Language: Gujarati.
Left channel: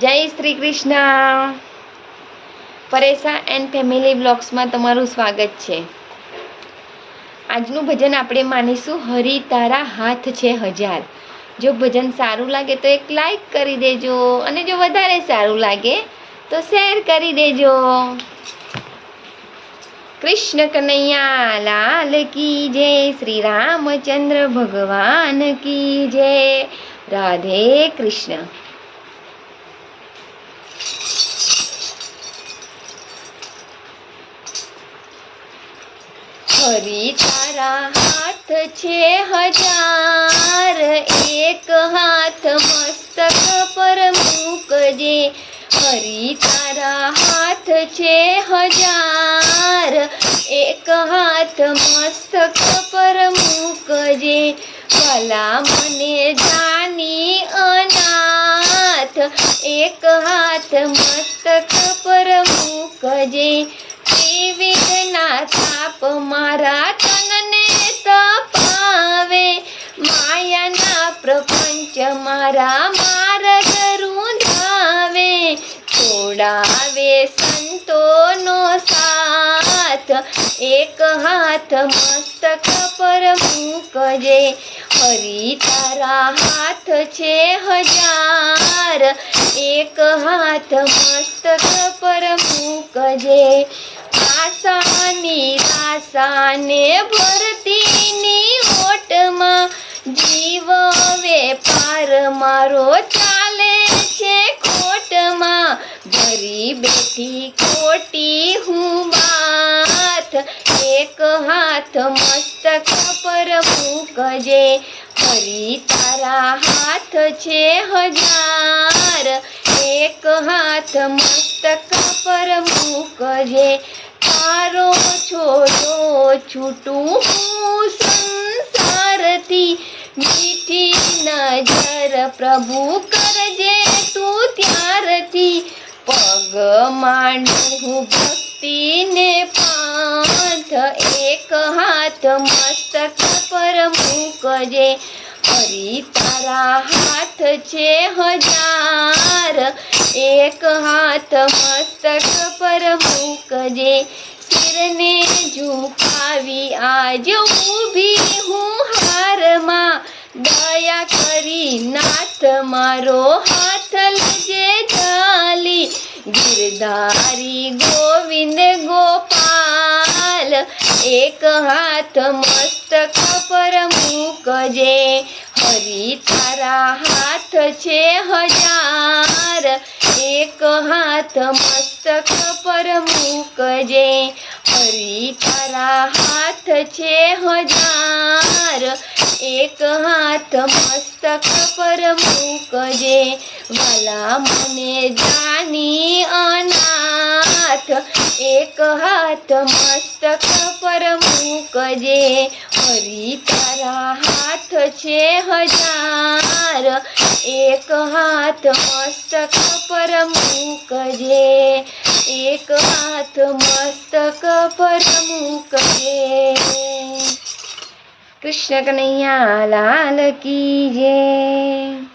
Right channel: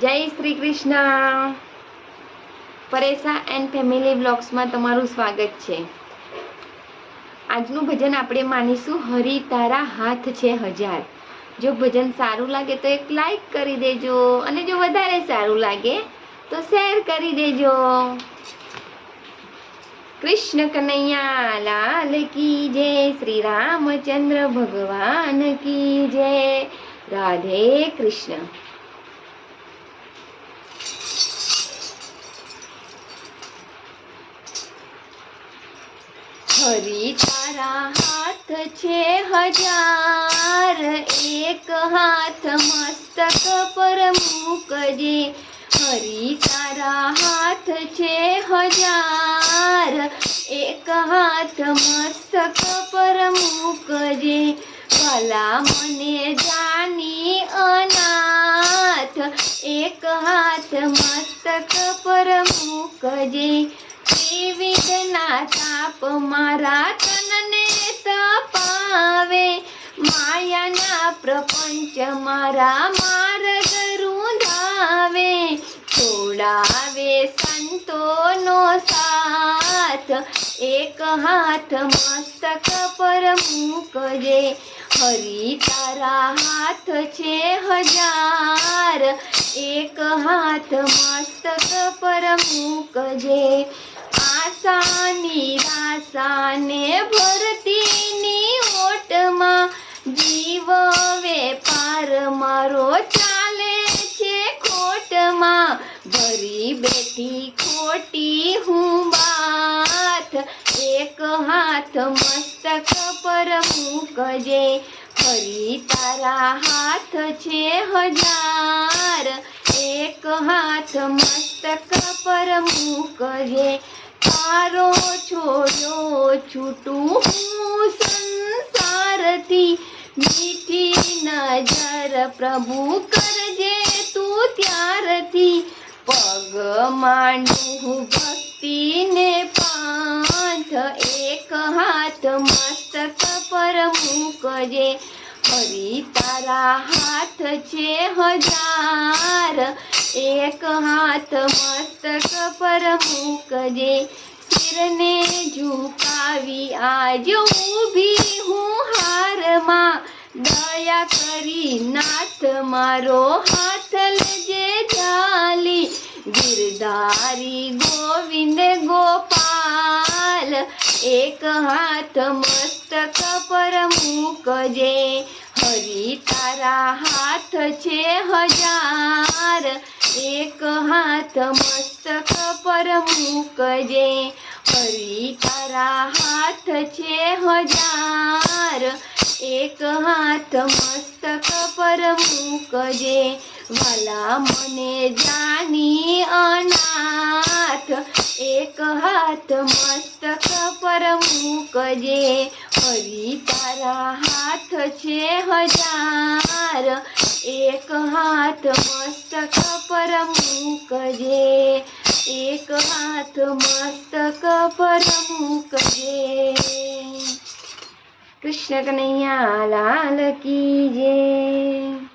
જય શ્રી કૃષ્ણ. પરેશા એન્ડ ફેમિલી બ્લોગ્સમાં તમારું સ્વાગત છે. આજનું ભજન આપણે માનીશું હરી તારા હાથ છે હજાર. જો ભજન સારું લાગે તો એક લાઈક કરી દેજો, અને જો વધારે સારું લાગે તો શેર કરી દેજો. કૃષ્ણ કનૈયા લાલ કી જય, શ્રી રામચંદ્ર ભગવાન કી જય. રાધે કૃષ્ણ. હરી તારા હાથ છે હજાર, એક હાથ મસ્તક પર મૂકજે. હરી તારા હાથ છે હજાર, એક હાથ મસ્તક પર મૂકજે. ભલા મને જાની અનાથ, એક હાથ મસ્તક પર મૂકજે. ત્રિવિધના તાપ મારા તનને તપાવે, માયાના પ્રપંચ મારા માર્ગ રૂંધાવે. છોડાવે સંતોનો સાથ, એક હાથ મસ્તક પર મૂકજે. હરી તારા હાથ છે હજાર, એક હાથ મસ્તક પર મૂકજે. આશા નિરાશાને ભરતીની ઓટમાં, જીવ વેપાર મારો ચાલે છે ખોટમાં. ભરી બેઠી ખોટી હું બાત, એક હાથ મસ્તક પર મૂકજે. હરી તારા હાથ છે હજાર, એક હાથ મસ્તક પર મૂકજે. તારો છોડો છૂટું હું સંસારથી, મીઠી નજર પ્રભુ કરજે તું ત્યારથી. પગ માંડું ભક્તિને પાંથ, એક હાથ મસ્તક પર મૂકજે. હરી તારા હાથ છે હજાર, એક હાથ મસ્તક પર મૂકજે. શિરને ઝુકાવી આજ ઊભી હું હારમાં, દયા કરી નાથ મારો હાથ લેજે ઝાલી. ગિરધારી ગોવિંદ ગોપાલ, એક હાથ મસ્તક પર મૂકજે. હરી તારા હાથ છે હજાર, એક હાથ મસ્તક પર મૂકજે. હરી તારા હાથ છે હજાર, એક હાથ મસ્તક પર મૂકજે. વાલા મને જાની અનાથ, એક હાથ મસ્તક પર મૂકજે. હરી તારા હાથ છે હજાર, એક હાથ મસ્તક પર મૂકજે. એક હાથ મસ્તક પર મૂકજે. કૃષ્ણ કનૈયા લાલ કી જય.